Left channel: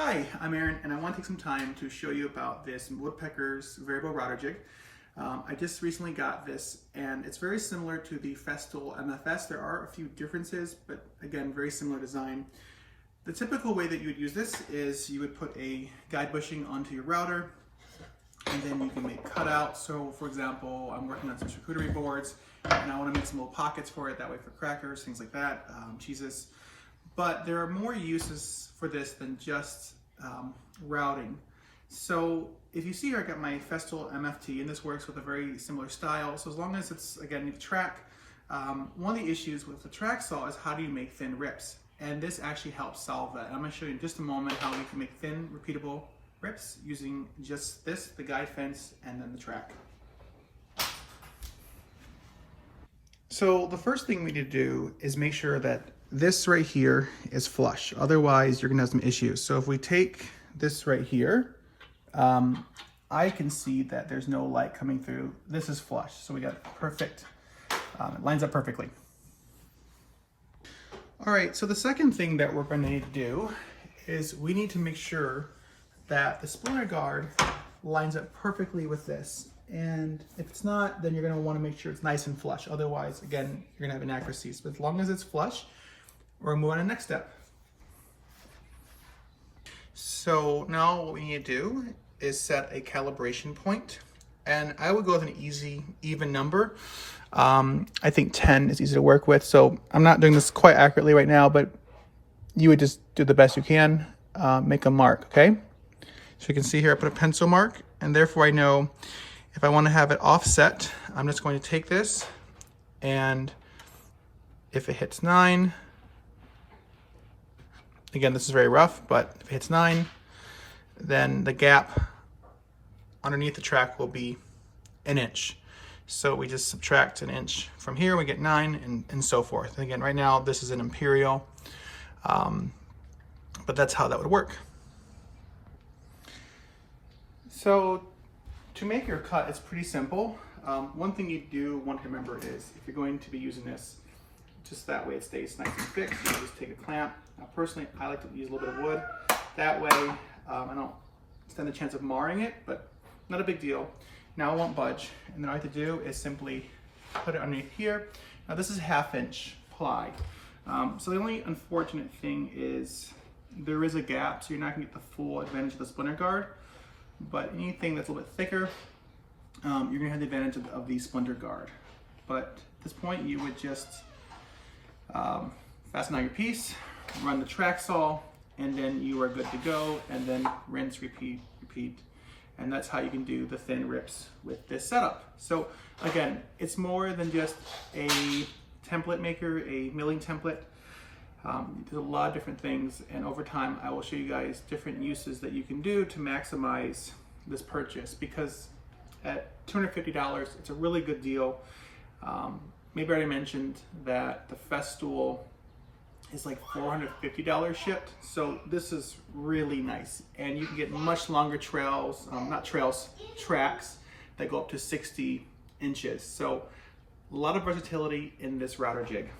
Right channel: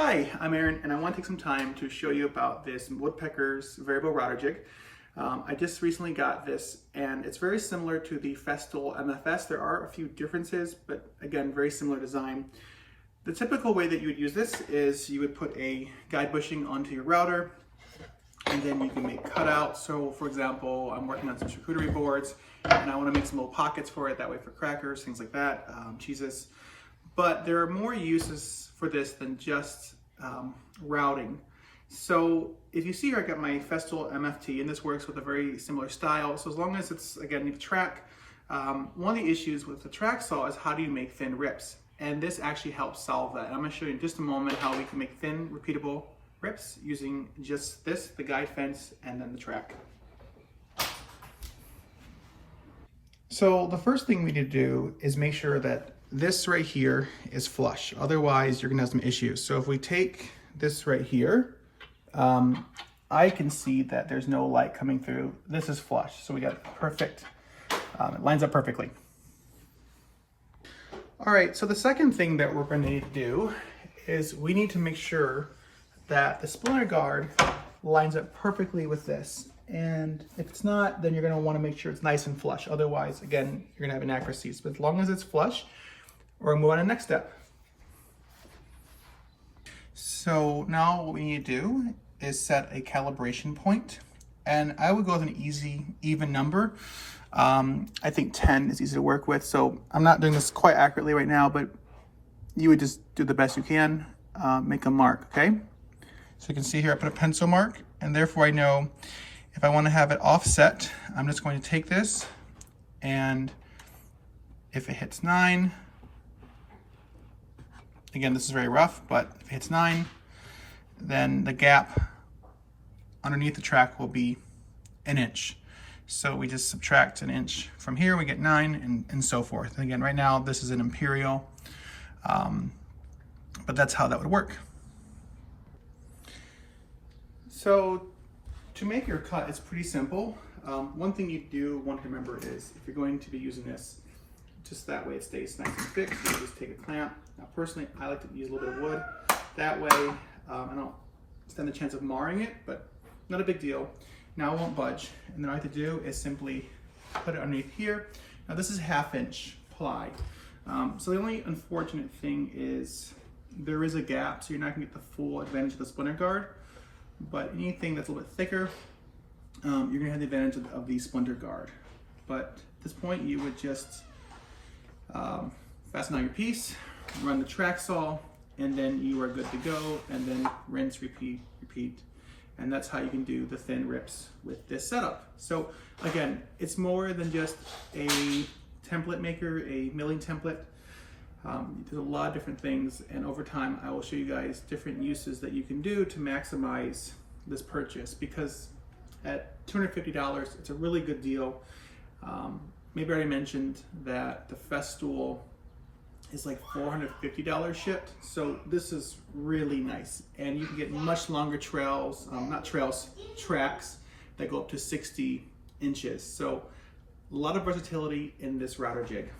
Hi, I'm Aaron, and I want to take some time to show you about this Woodworker's variable router jig. I just recently got this, and it's very similar to the Festool MFS. There are a few differences, but again, very similar design. The typical way that you would use this is you would put a guide bushing onto your router, and then you can make cutouts. So for example, I'm working on some charcuterie boards, and I want to make some little pockets for it, that way for crackers, things like that, cheeses. But there are more uses for this than just routing. So if you see here, I got my Festool MFT, and this works with a very similar style. So as long as it's, again, you have track, one of the issues with the track saw is how do you make thin rips? And this actually helps solve that. I'm gonna show you in just a moment how we can make thin, repeatable rips using just this, the guide fence, and then the track. So the first thing we need to do is make sure that this right here is flush. Otherwise, you're gonna have some issues. So if we take this right here, I can see that there's no light coming through. This is flush, so we got perfect, it lines up perfectly. All right, so the second thing that we're gonna need to do is we need to make sure that the splinter guard lines up perfectly with this. And if it's not, then you're gonna wanna make sure it's nice and flush. Otherwise, again, you're gonna have inaccuracies. But as long as it's flush, we're gonna move on to the next step. So now what we need to do is set a calibration point. And I would go with an easy, even number. I think 10 is easy to work with. So I'm not doing this quite accurately right now, but you would just do the best you can, make a mark, okay? So you can see here, I put a pencil mark, and therefore I know if I want to have it offset, I'm just going to take this, and if it hits 9, again, this is very rough, but if it hits 9, then the gap underneath the track will be an inch. So we just subtract an inch from here, we get 9, and so forth. And again, right now, this is an imperial, but that's how that would work. So to make your cut, it's pretty simple. One thing you do want to remember is if you're going to be using this, just that way it stays nice and fixed, you just take a clamp. Now personally, I like to use a little bit of wood. That way, I don't stand the chance of marring it, but not a big deal. Now it won't budge. And then all I have to do is simply put it underneath here. Now this is 1/2 inch ply. So the only unfortunate thing is there is a gap, so you're not gonna get the full advantage of the splinter guard. But anything that's a little bit thicker, you're gonna have the advantage of the splinter guard. But at this point, you would just fasten on your piece, run the track saw, and then you are good to go, and then rinse, repeat, repeat. And that's how you can do the thin rips with this setup. So again, it's more than just a template maker, a milling template. There's a lot of different things, and over time I will show you guys different uses that you can do to maximize this purchase, because at $250 it's a really good deal. Maybe I already mentioned that the Festool is like $450 shipped, so this is really nice, and you can get much longer tracks that go up to 60 inches. So a lot of versatility in this router jig.